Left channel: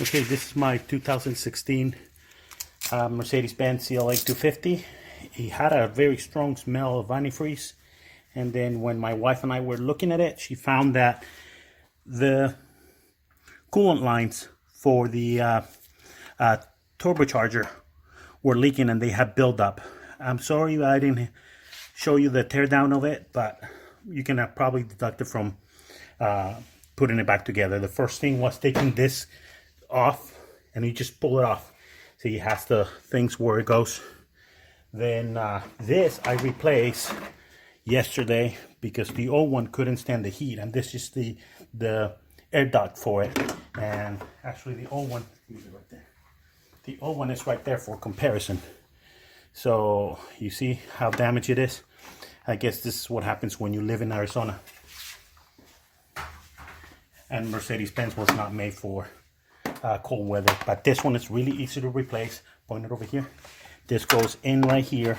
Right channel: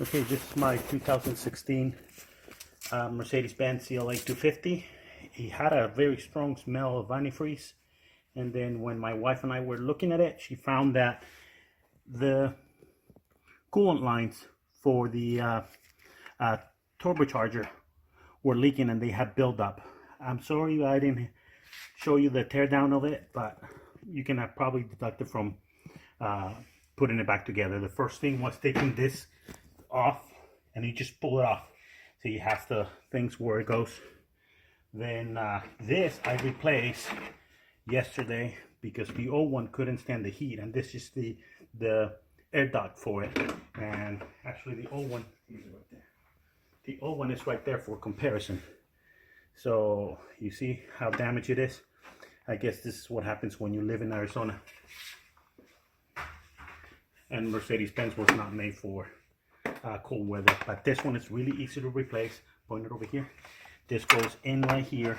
Okay, this is my 2016 Mercedes-Benz CLA250. It had a very strong smell of antifreeze, and then when my wife and I were looking at it, she found that the coolant lines for the turbocharger were leaking and they had buildup. I'm sorry I didn't show you the teardown of it, but you can probably deduct it from putting it back together. The first thing was taking this off, and you just pull it off. See, it has the things where it goes. Then this I replaced yesterday because the old one couldn't stand the heat, and this is the air duct for it. And actually the old one, right there. The old one is right there for comparison. So you see how damaged it is. I guess this is what happens when you live in Arizona. And Mercedes-Benz was not made for cold weather, but this one is really easy to replace. Point it over here. This goes in right here,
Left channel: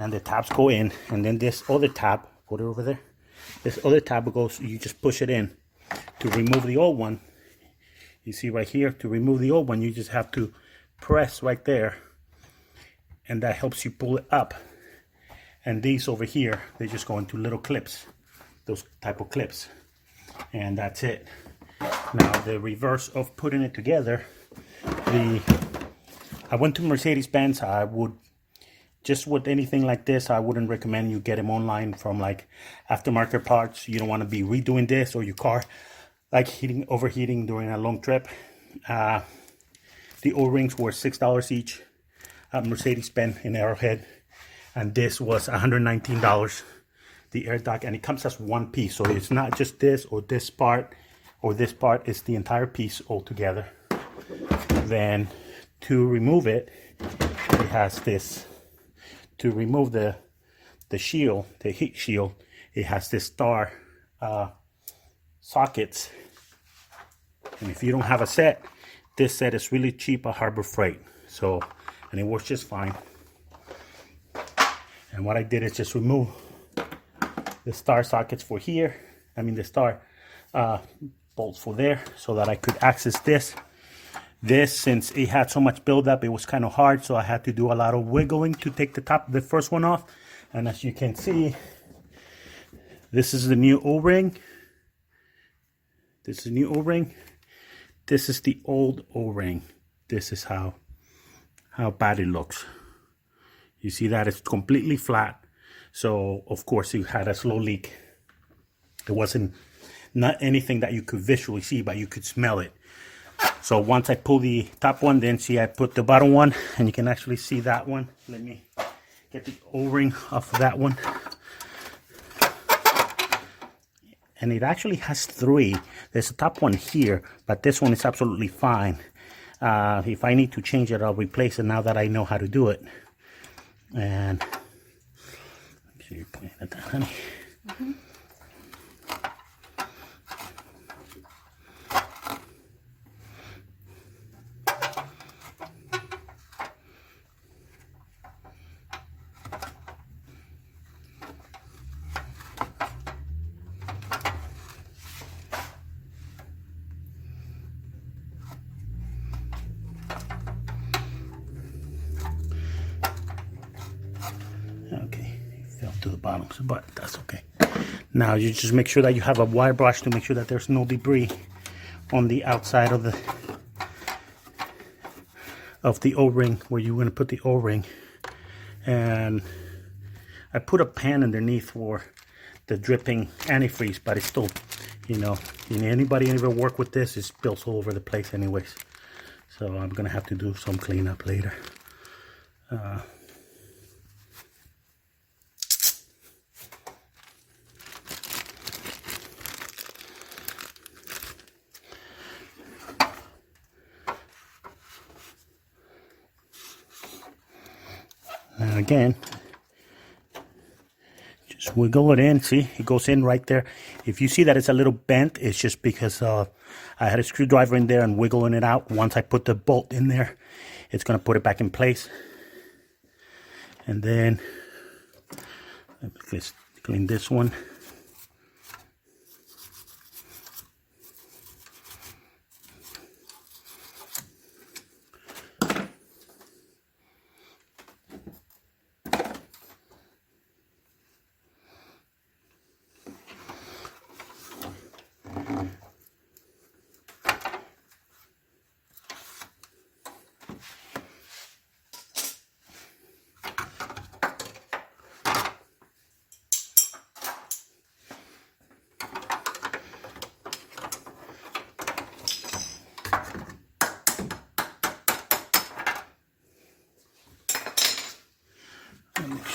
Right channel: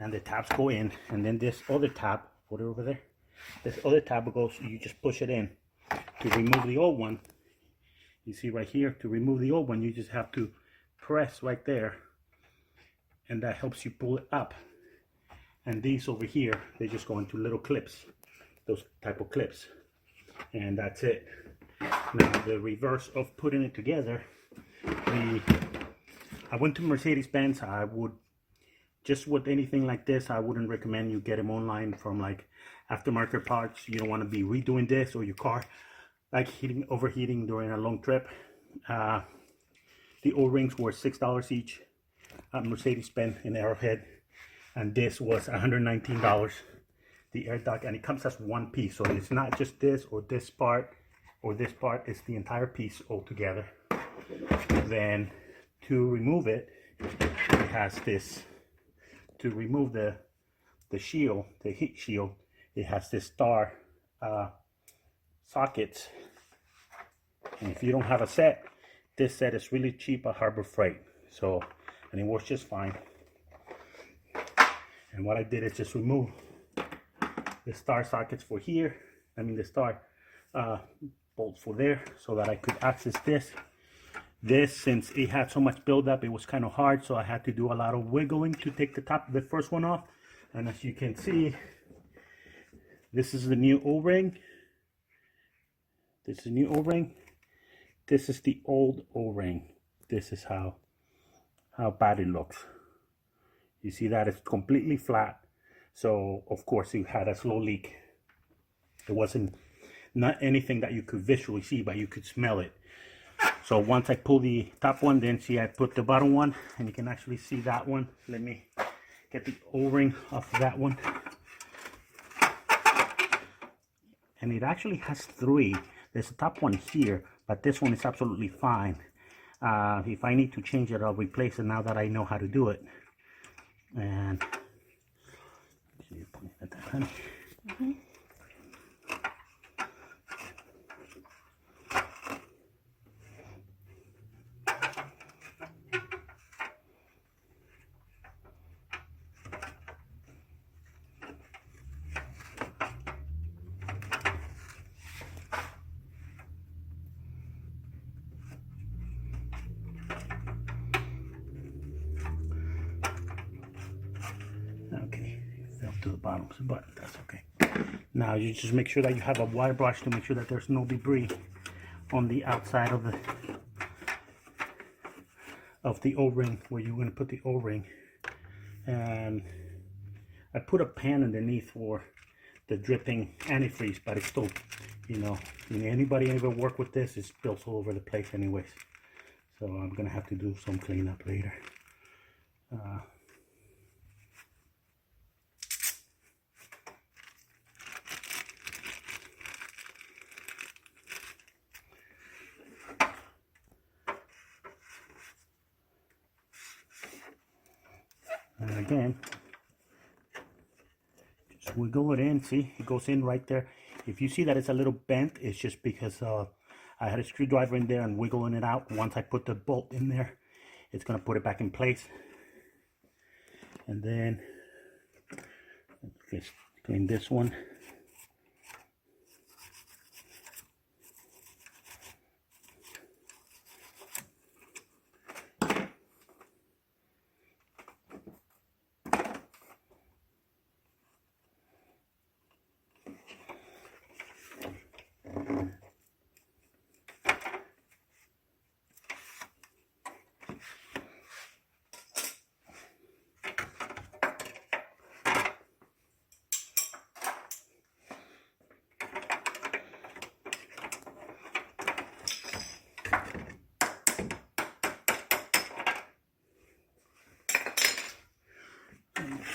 and the tabs go in, and then this other tab, put it over there. This other tab goes, you just push it in. To remove the old one, you see right here, to remove the old one, you just have to press right there, and that helps you pull it up. And these over here, they just go into little clips, those type of clips, and that's it. Now the reverse of putting it together, I went to Mercedes-Benz. I would, just with anything like this, I wouldn't recommend you get them online from like aftermarket parts. You don't want to be redoing this or your car like overheating during a long trip. The O-rings were $6 each at Mercedes-Benz in Arrowhead, and this was $119. The air duct, and it comes as one piece, so it's not just this or this part or this part, it's the entire piece all together. Then to remove it, it has this, to remove the shield, the heat shield, it has this star sockets. And if you don't have a set, this set is really cheap at Harbor Freight. So, and it works just fine. And what I did is just remove the star sockets for here. I mean the star bolts for there, so that I could access this. This, since it had so much buildup, it was kind of hard, so I had to do a lot of wiggling to take the first one off. And as you can see, this is the new O-ring. This is the new O-ring. This is the old O-ring. This is how bad it looks. You see that it's completely flat. So of course it had a slow leak. It wasn't not anything that you could visually see, but you could smell it. So once I pull the top one, then see I put the bottom one, and you can actually see that one. Let me get the O-ring off of that one. And it actually has three. There's a top one here, but this one is absolutely fine. If I need to change it, I'll replace it now that I know how to do it. And make sure you're pointing at that, honey. Mm-hmm. Okay, fell to the bottom, but that's okay. Now you just make sure that you have a wire brush to make sure that there's no debris on the outside of the O-ring where you're going to put the O-ring. And I put a pan underneath for the dripping antifreeze, but it's still, you know, anybody ever work with this, it spills all over the place anyways. So I'm gonna have to do some cleanup later. And again, just wiggle it in. See, it goes in right there. If you see that it's a little bent, it's just because I had a screwdriver in there and wiggling it out. Once I put the bolt in there, it's going to put it back in place. And then let's clean this one.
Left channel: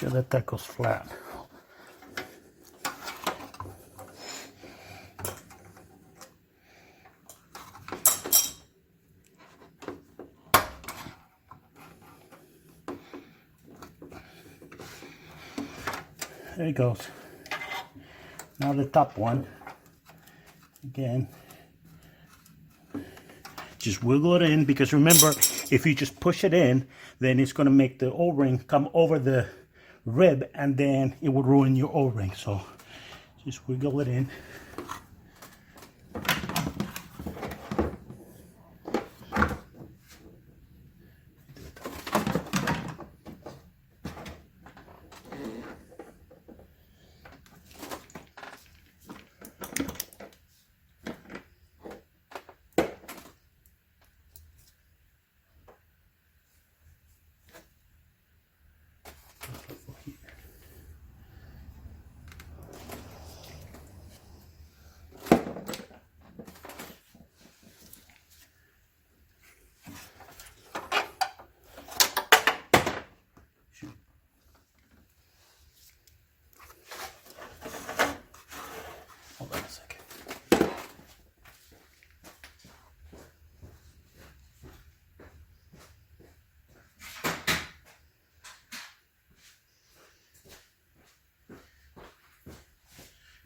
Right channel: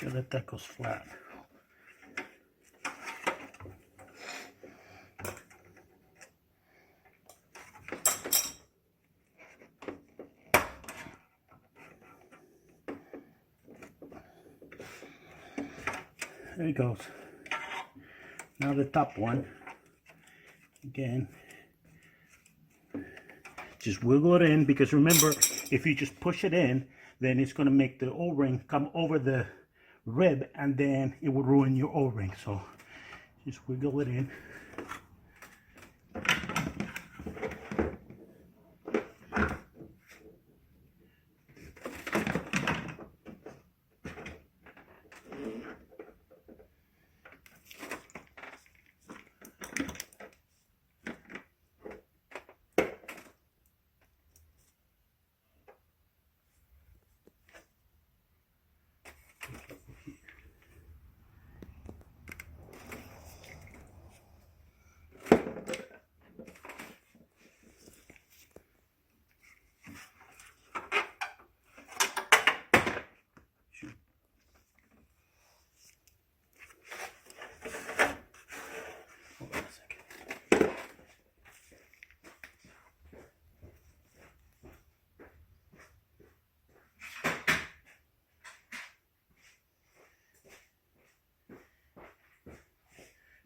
sure that that goes flat. There it goes. Now the top one, again, just wiggle it in, because remember, if you just push it in, then it's going to make the O-ring come over the rib, and then it would ruin your O-ring. So just wiggle it in.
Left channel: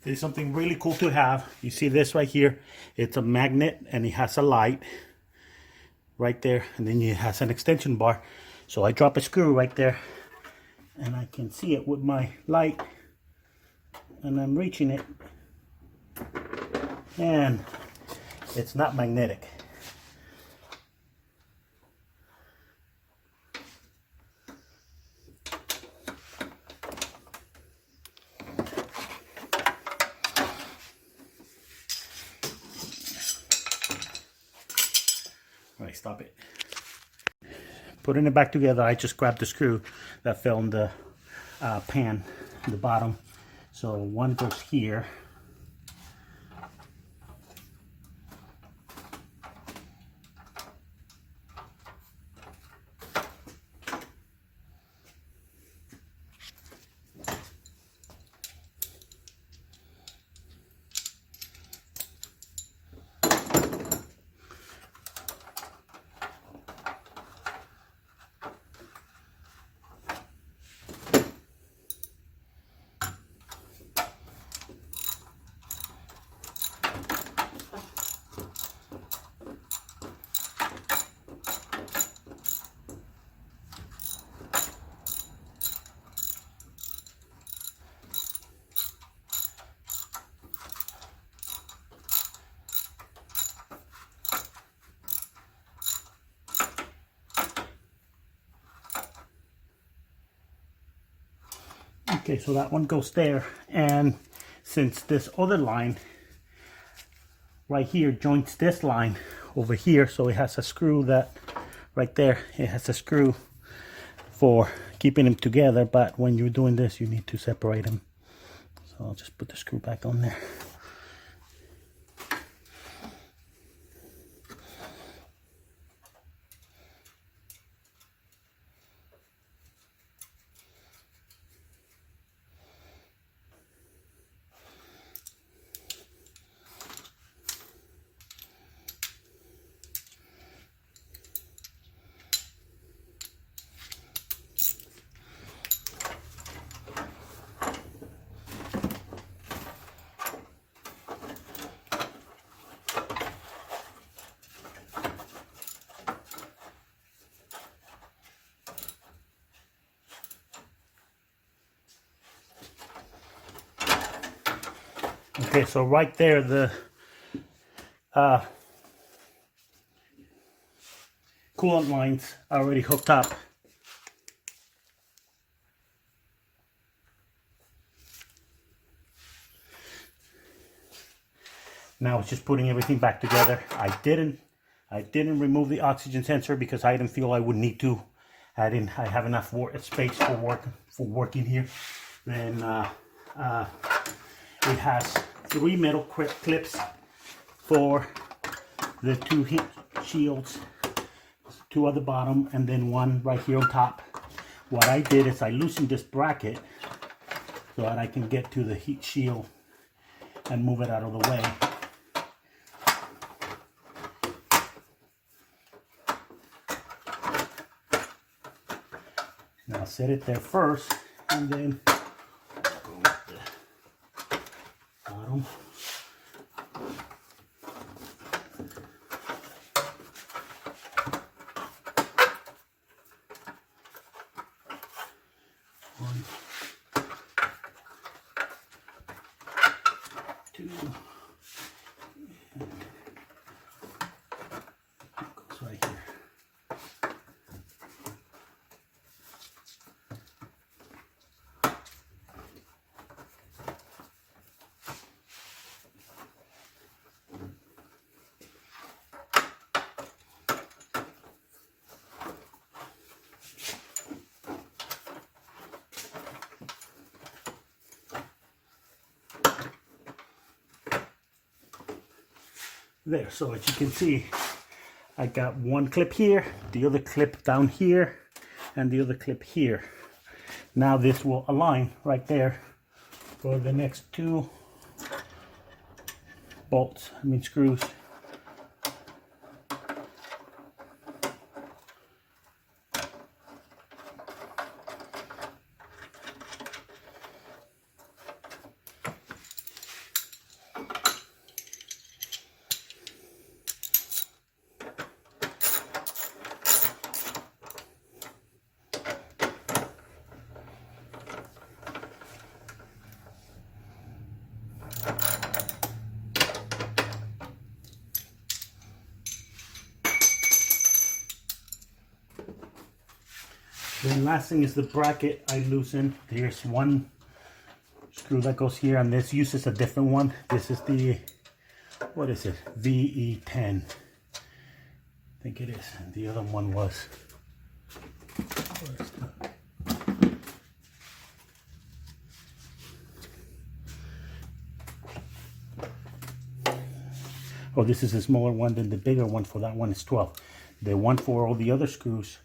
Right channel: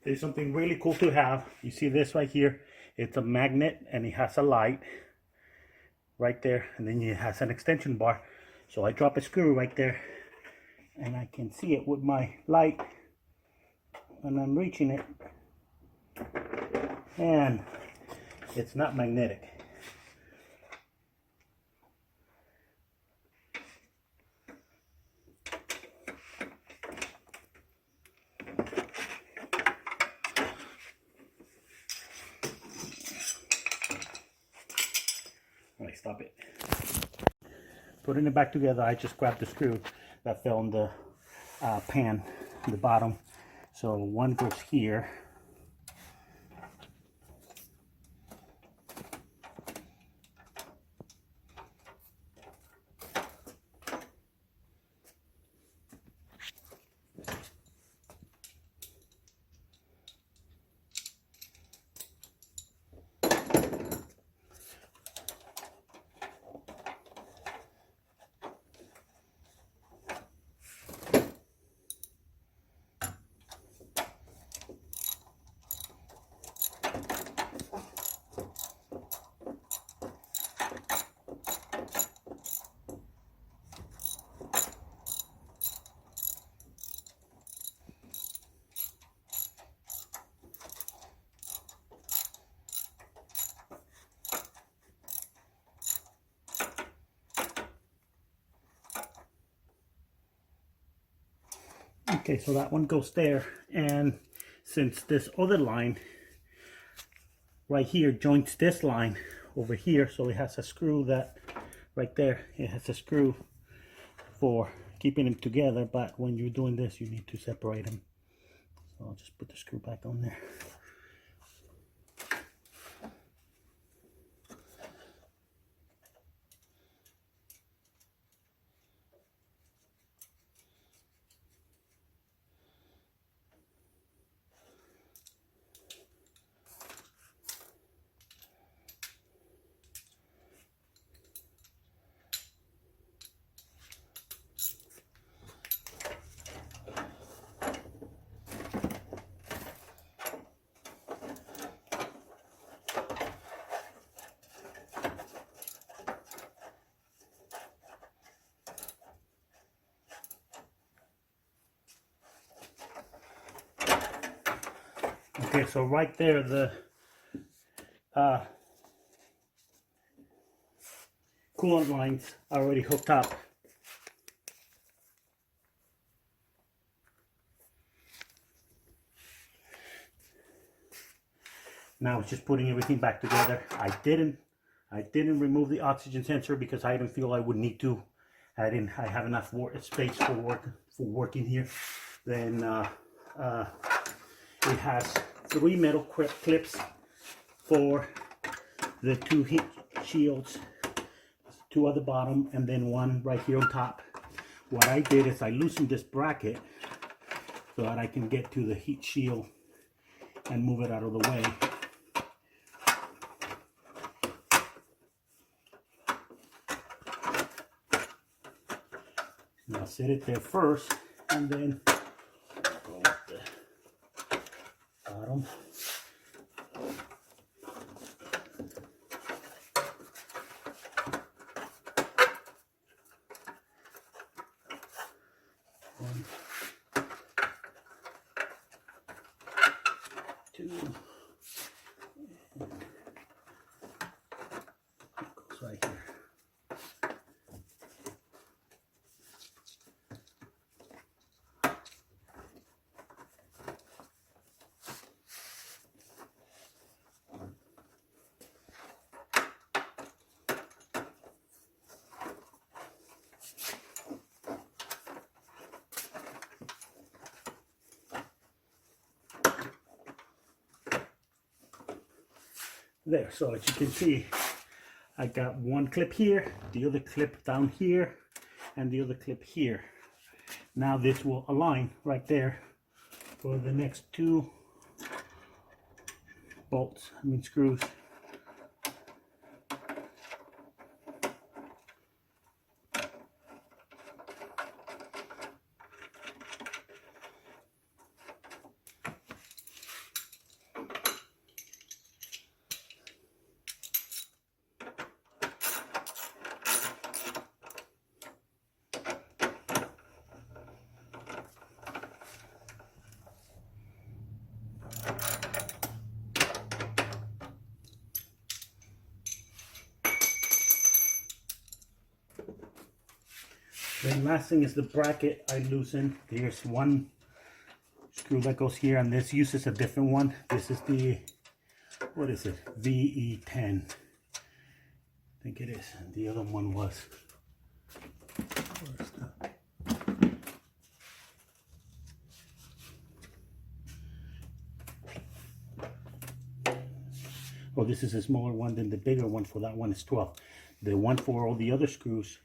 There's something really cool to have. You see this right here? It's a magnet, and it has a light right there, and then it has an extension bar. So I drop a screw right there, and I can see it with my light, and I'm reaching it, and it's not magnetic. Right, stop it. Putting it back together, I just grabbed the screw that fell in the pan in the bottom. So one goes here. Okay, so that one goes there, and since this other line right here joins this line over here, so it has a screw that right there, it has a screw for keeping them together, but when you're doing this you need to separate them. So I'll just put the screw back on there. Okay, so right there, the coolant lines are already hooked up. Now it's just putting everything back together. I didn't remove the oxygen sensor because I didn't feel I would need to. I have enough space for working here. Then it has 3 metal clips for the 2 heat shields, 2 at the bottom, and then 1 right here on top what I did is I loosened this bracket so that I can get to the heat shield and move it out of the way. Now set it there first, and then go with the bottom. One, two, and it goes right here. There, so as you can see, I got one clip here, the other clip down here, and the other clip here. Now this will align right there for the next two bolts, screws. The last thing is the bracket I loosen. There's one screw that goes here, and this uses a different one. This is the, what is it? VE10. I think it is. And the other one was, oh, this is a smaller one than the bigger one. For that one is 12. The one for all the other screws,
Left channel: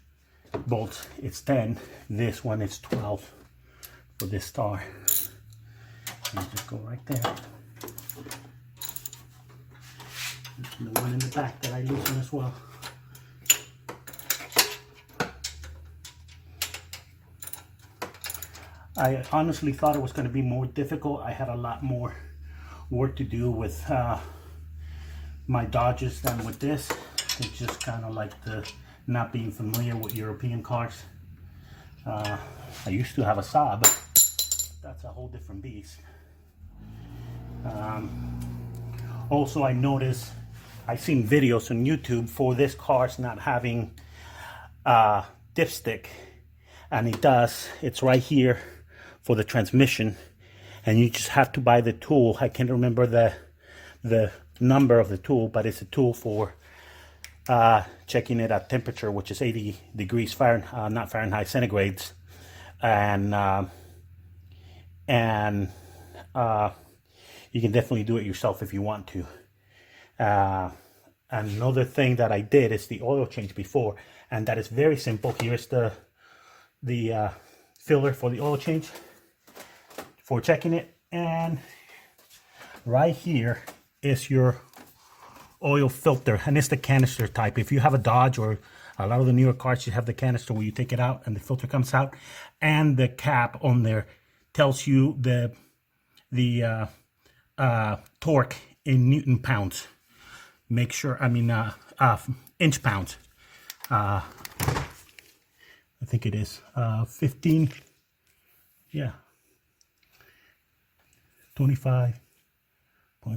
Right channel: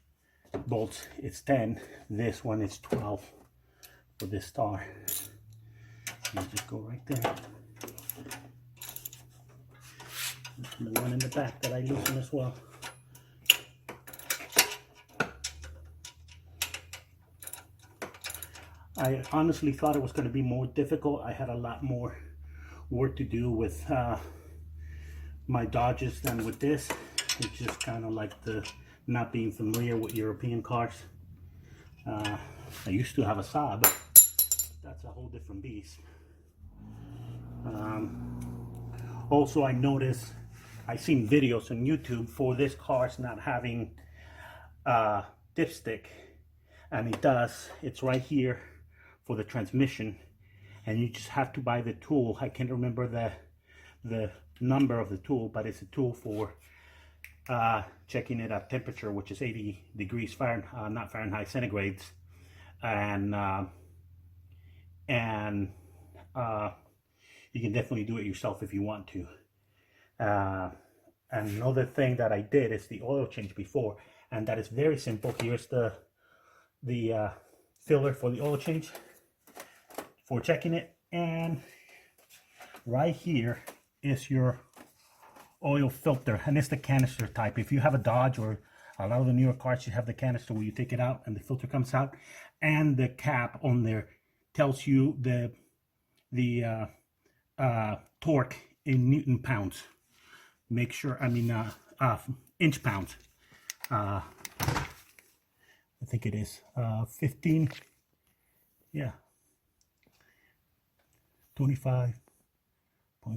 bolts, it's 10. This one is 12 for this star. And just go right there. And the one in the back that I loosen as well. I honestly thought it was going to be more difficult. I had a lot more work to do with my Dodges than with this. It's just kind of like the not being familiar with European cars. I used to have a Saab. That's a whole different beast. Also, I noticed, I've seen videos on YouTube for this car's not having dipstick, and it does. It's right here for the transmission, and you just have to buy the tool. I can't remember the number of the tool, but it's a tool for checking it at temperature, which is 80 degrees Fahrenheit, not Fahrenheit, centigrades, and you can definitely do it yourself if you want to. And another thing that I did is the oil change before, and that is very simple. Here's the filler for the oil change for checking it, and right here is your oil filter, and it's the canister type. If you have a Dodge or a lot of the newer cars, you have the canister where you take it out and the filter comes out, and the cap on there tells you the torque in Newton pounds. Make sure, inch pounds. I think it is 15. Yeah, 25.5.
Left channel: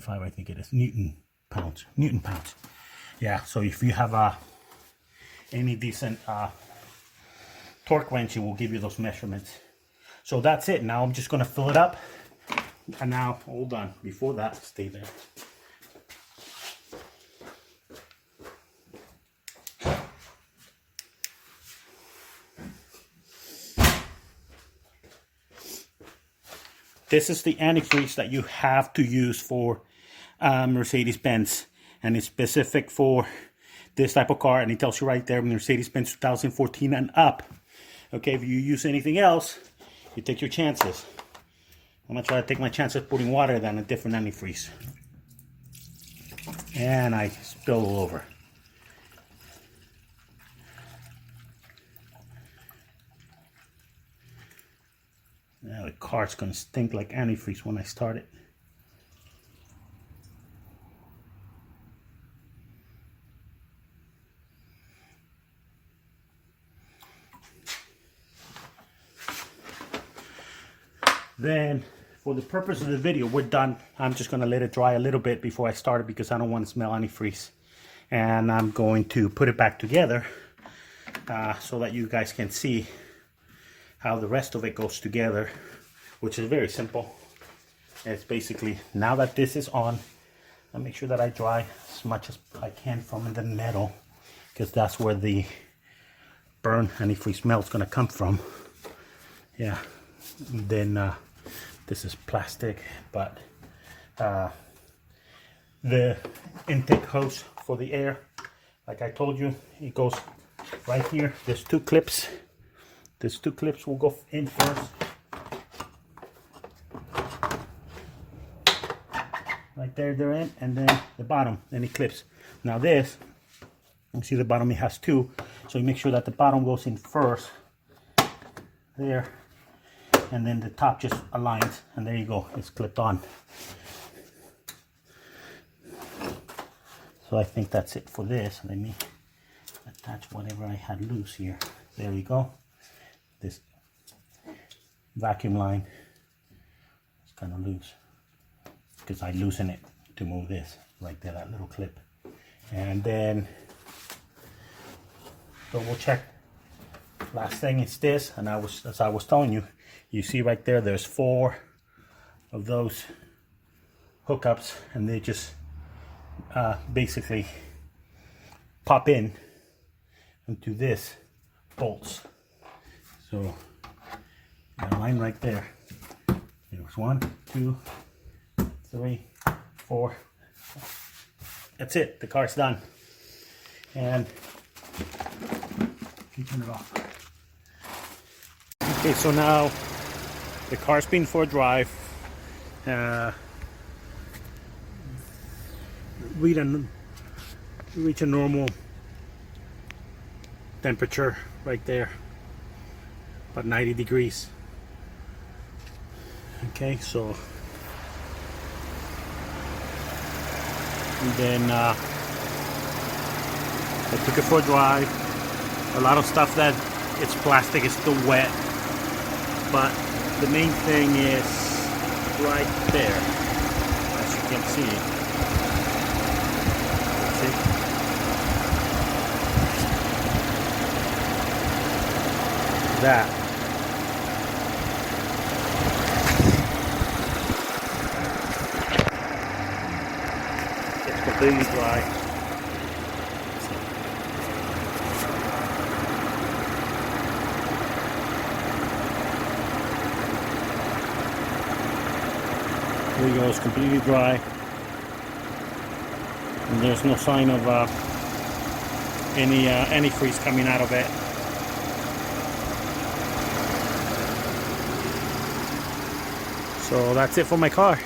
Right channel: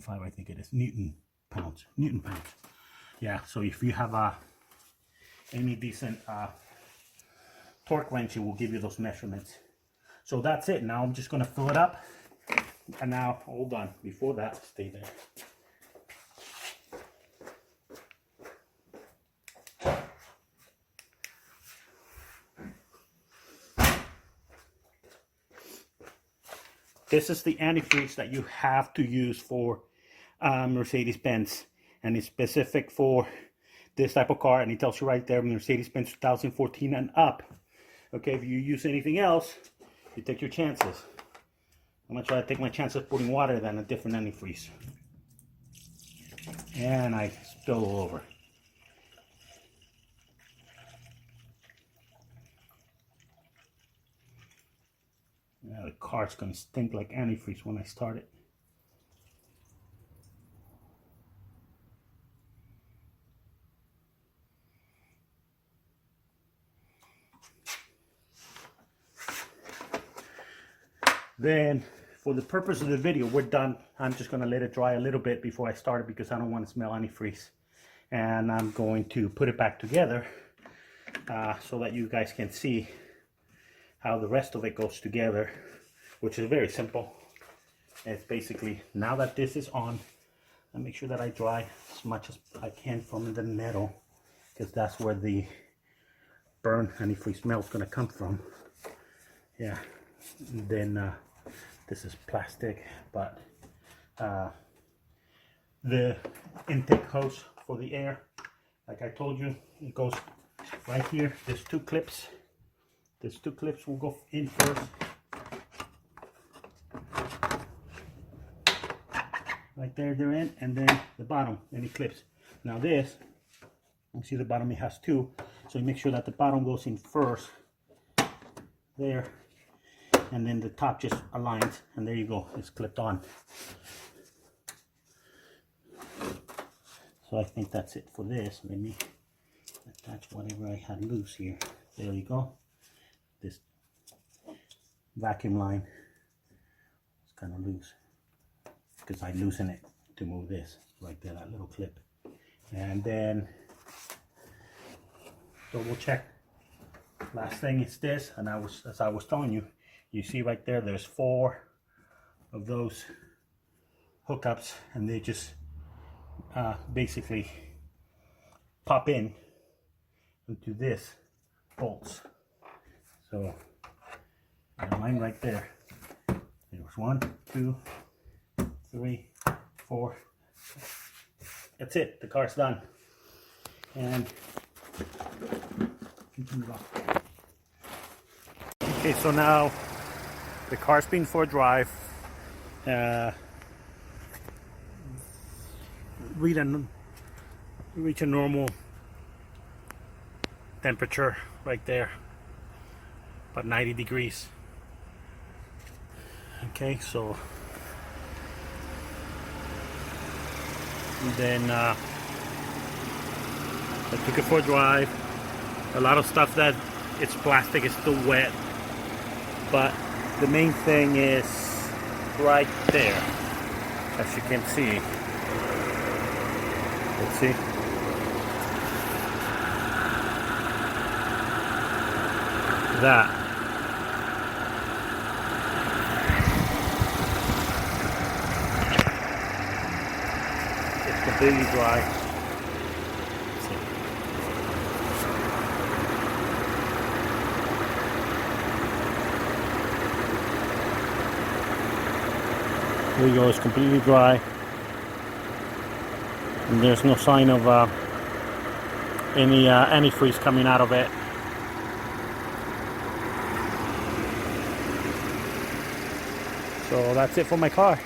I think it is Newton pounds. Yeah, so if you have any decent torque wrench, it will give you those measurements. So that's it. Now I'm just going to fill it up. And now, hold on, before that, stay there. This is the antifreeze that you have to use for Mercedes-Benz, and it's specific for this type of car, and it tells you right there, Mercedes-Benz 2014 and up. Okay, if you use anything else, you take your chances. I'm gonna try to take my chances putting water than a different antifreeze. And I spill all over. Now the car's gonna stink like antifreeze when I start it. Then, for the purpose of the video, we're done. I'm just gonna let it dry a little bit before I start it because I don't want to smell antifreeze. And I'm going to put it back together so that you guys can see how the rest of it goes together, which is very simple. It's basically, now that this is on, I make sure that I dry as much as I can from the metal, because that's where the burn antifreeze smell is going to come from. Yeah, then this is plastic, but the intake hose for the air, like I told you, it goes right here. There's two clips. These two clips will go in first. Right there, they're in, and then the bottom, any clips. Now this, you see the bottom, it has two, so you make sure that the bottom goes in first, there, and then the top just aligns, and there you go, it's clipped on. So I think that's it for this. Let me attach whatever I had loose here. There you go. This vacuum line is kind of loose because I loosen it to move this right there, that little clip. And then double check. Last thing is this, and as I was telling you, you see right there, there's 4 of those hookups, and they just basically pop in into this bolts. So line right there. There's 1, 2, 3, 4. That's it. The car's done. And you can turn it off. Okay, so now the car's been for a drive. Reach a normal temperature right there, about 90 degrees. Okay, so and then I took it for a drive. A lot of stuff that it's plastic is still wet, but the main thing is right there, as you can see. Let's see. That. It's completely dry. There you go, it's completely dry. And there's no sign of any antifreeze coming out of it. So that's it for my car.